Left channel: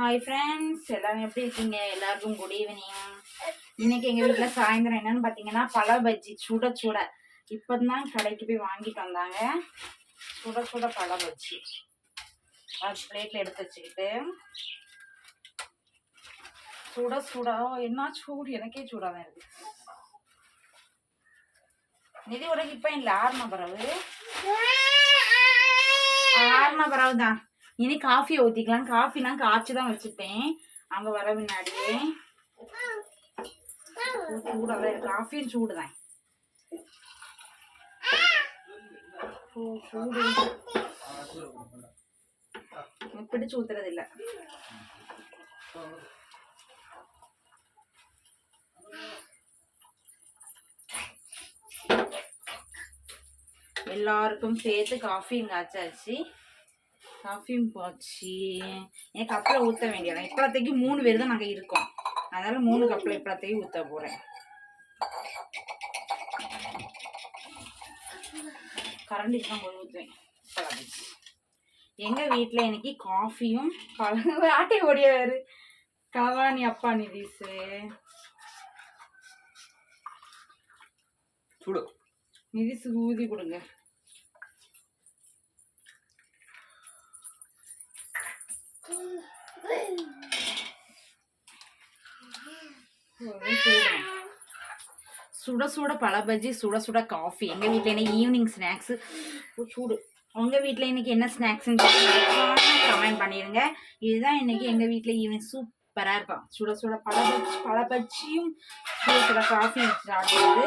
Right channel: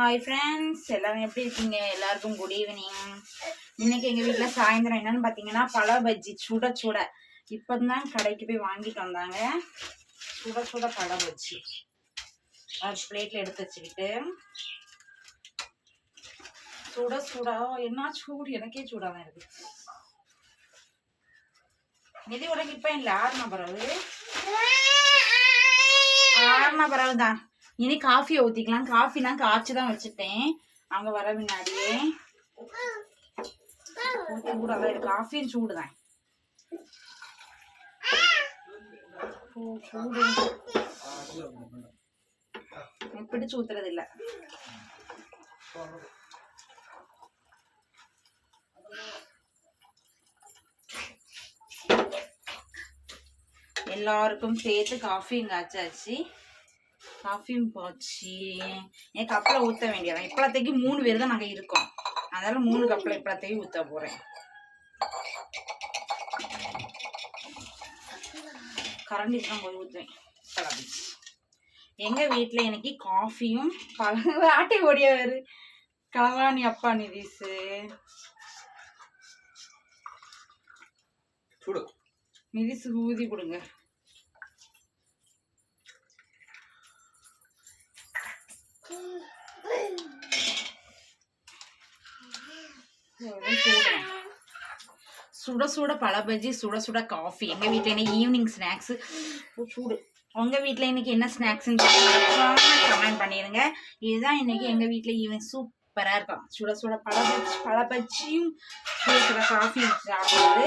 Hi friends, எல்லாரும் எப்படி இருக்கீங்க? எல்லாருக்கும் குட் ஈவினிங். இன்னைக்கு எங்கள் வீட்டில் சாயந்தரம் என்னன்னு பார்த்தீங்கன்னா பழ பஜ்ஜி சுட சுட. இப்போ தான் கடைக்கு போய் வாங்கிட்டு வந்தாங்க. சுட சுட பழ பஜ்ஜி அது பிளேட்டில் எடுத்து வச்சுக்கிட்டு சுட சுட என்ன சூடு, எனக்கே சூடாக தான் இருக்கு. நிதி உனக்கு இப்போ இல்லை, ஆறுன பிறகு தான். இனி காஃபியை ஊற்றிக்கலாம். காஃபி நான் காய்ச்சி தான் வச்சுட்டேன் அங்கே வர முன்னாடியே. சூடாக தான் இருக்கு, காஃபியும் சூடு தான். சூடு பிடிச்சு ஊத்துறது இல்லை. எல்லாருக்கும் சேர்த்து காஃபியும் காய்ச்சாச்சு, காஃபியும் போச்சு. என் கப்பில் ஊற்ற வேண்டியதான். இப்பளத்தைக்கு 3 பேர் தான் நாங்கள் இருக்கோம், அதனால 3 கப்பில் இப்பளத்தையும் ஊற்ற போகிறேன். கரண்டி தான் போய் ஊற்றுவேன். எங்கள் வீட்டில் இன்னைக்கு காஃபியும் ஆட்டை ஓடியாரு கலவாணி அப்பா நிதிஷு. நிதிஷு ஊதி கொடுங்க. சுட சுட பழ பஜ்ஜி, சுட சுட காஃபி. எங்கள் வீட்டில் இன்னைக்கு ஈவினிங் ஸ்நாக்ஸு சூடு. உங்கள் வீட்டில் இன்னைக்கு என்ன ஸ்நாக்ஸ்ன்னு கமெண்ட் பண்ணிடுங்க. இதுதான் இன்னைக்கு எங்கள் வீட்டில் ஈவினிங் சூப்பராக இருக்கும். சுட சுட பழ பஜ்ஜியும் சுட சுட காஃபி சாப்பிடுறது.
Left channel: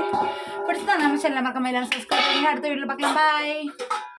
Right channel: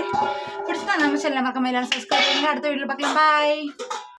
பிடிச்சதான் நம்ம சேனல் மறக்காம எல்லாரும் சப்ஸ்கிரைப் பண்ணுங்க. அடுத்த வீட்டில் பார்க்கலாம். பாய்.